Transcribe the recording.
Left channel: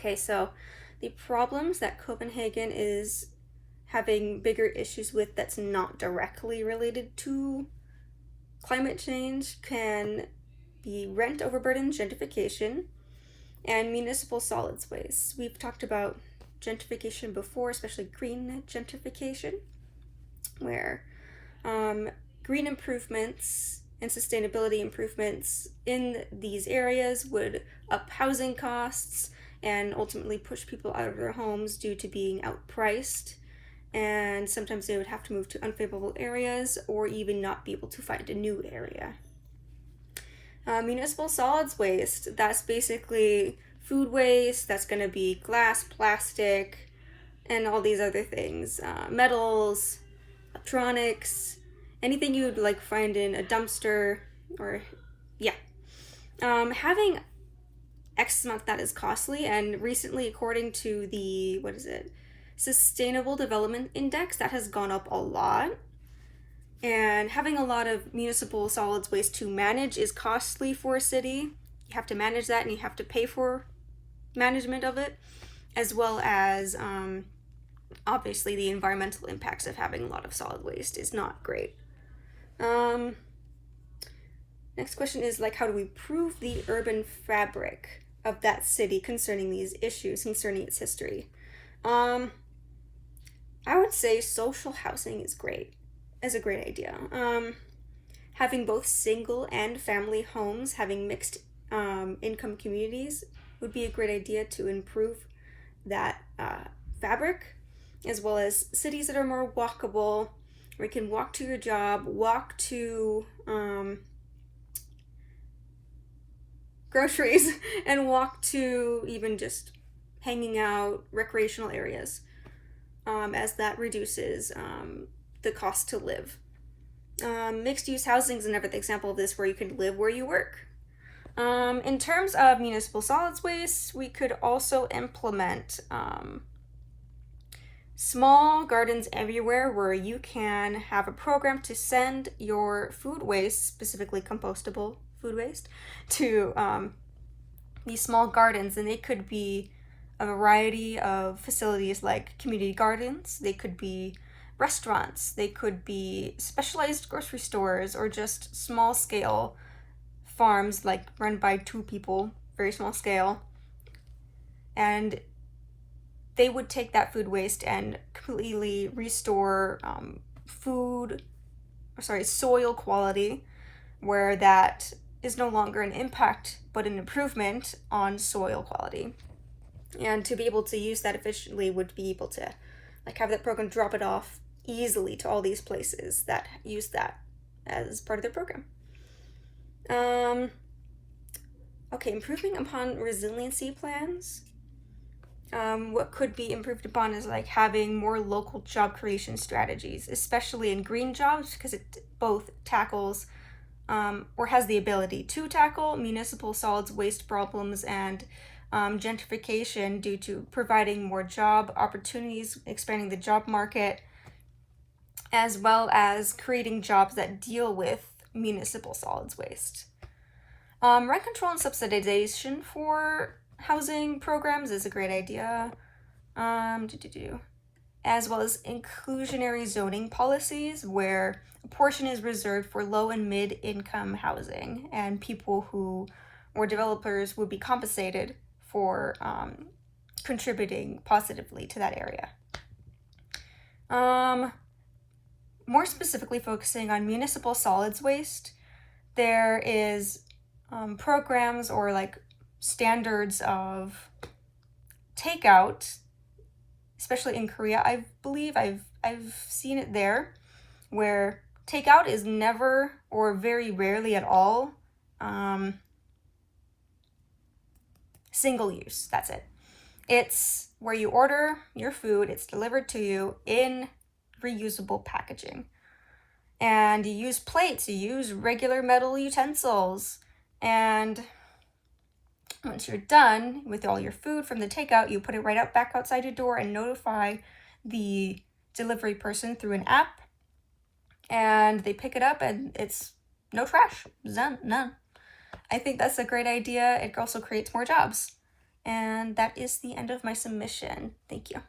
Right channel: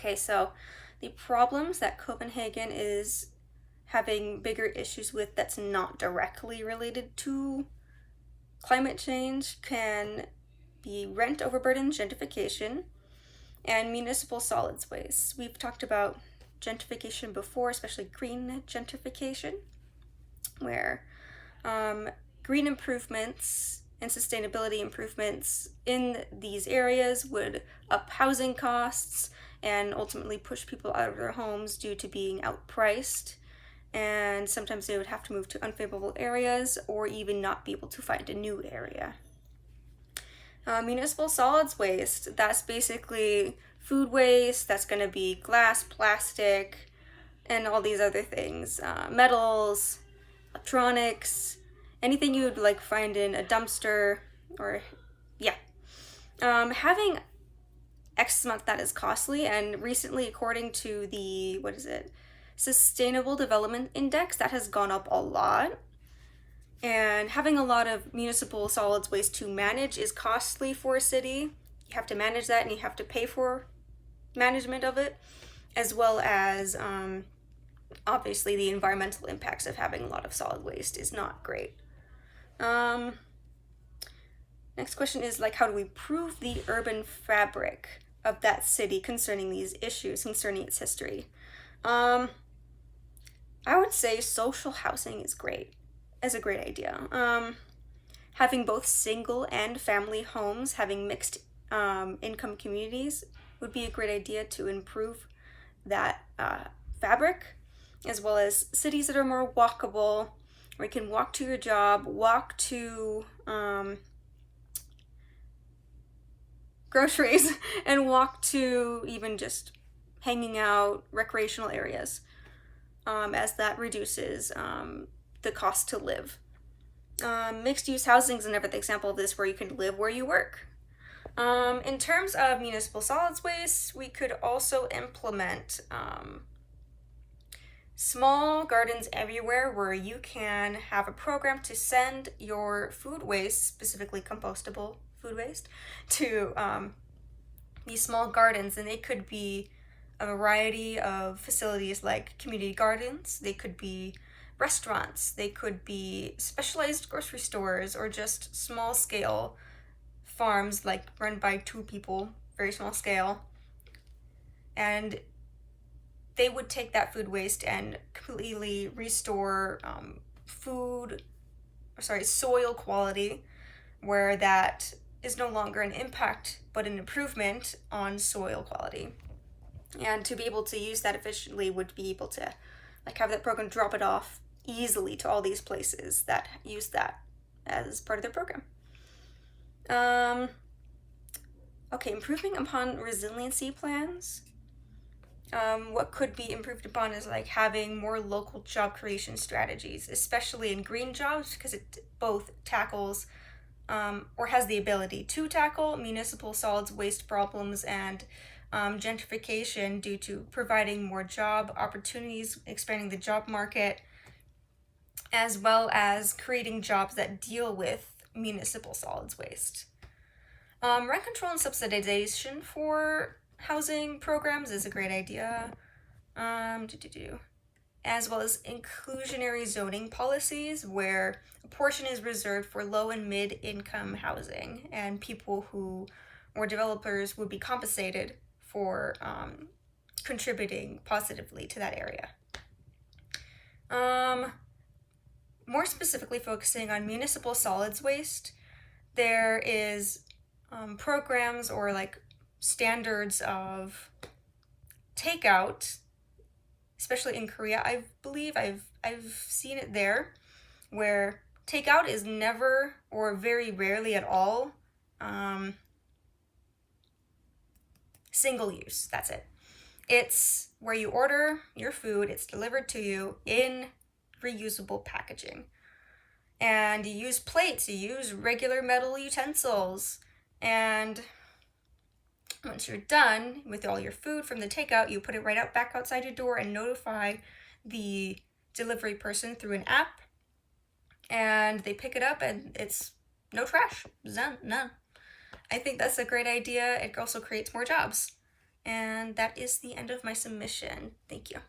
Okay, so the problems that Copenhagen is having bigger issues with that's not directly related to climate change can be rent overburden, gentrification, and municipal solids waste. We've talked about gentrification before, especially green gentrification, where green improvements and sustainability improvements in these areas would up housing costs and ultimately push people out of their homes due to being outpriced. And sometimes they would have to move to unfavorable areas or even not be able to find a new area. Municipal solids waste, that's basically food waste. That's going to be glass, plastic, and all these other things. Metals, electronics, anything you'd like find in a dumpster, or yeah. Having X amount that is costly, and recently, according to the, Sustainable Development Index, that has gone up a lot. And having a lot of municipal solids waste to manage is costly for a city. You have to manage that and you have to pay for management of it, as well as obviously the environmental impacts of having a lot of solid waste is not great. Next question is how do we prove the urban fabric of that city concerning these issues, concerning its history? I would say social housing is a great idea. Having both single and family homes, having mixed income communities would be a great idea to improve that fabric, as well as cities that are more walkable, where you can walk to your job, walk to groceries, and walk to even just hanging out, recreational areas, as that reduces the cost to live. Mixed-use housing is another example of this, where you can live where you work. In terms of municipal solids waste, we could also implement small gardens everywhere, where you can have a program to send your food waste, specifically compostable food waste, to these small gardens. And they could be a variety of facilities like community gardens, they could be restaurants, they could be specialized grocery stores, or just small scale farms run by 2 people, very small scale. And they would take that food waste and completely restore soil quality, where that is no longer an impact but an improvement on soil quality. And to be able to use that efficiently would be able to have that program drop it off easily to all these places that use that as part of their program. Okay, improving upon resiliency plans. What could be improved upon is having more local job creation strategies, especially in green jobs, because it both tackles or has the ability to tackle municipal solids waste problems and gentrification due to providing more job opportunities, expanding the job market, as well as creating jobs that deal with municipal solids waste. Rent control and subsidization for housing programs is a great idea, as well as inclusionary zoning policies, where a portion is reserved for low and mid-income housing, and people or developers would be compensated for contributing positively to that area. More specifically focusing on municipal solids waste, there is programs or standards of takeout, especially in Korea. I believe I've seen it there, where takeout is never, or very rarely at all, single use. That's it. It's where you order your food, it's delivered to you in reusable packaging. And you use plates, you use regular metal utensils, and once you're done with all your food from the takeout, you put it right back outside your door and notify the delivery person through an app, and they pick it up, and it's no trash, none. I think that's a great idea. It also creates more jobs. And that is the end of my submission. Thank you.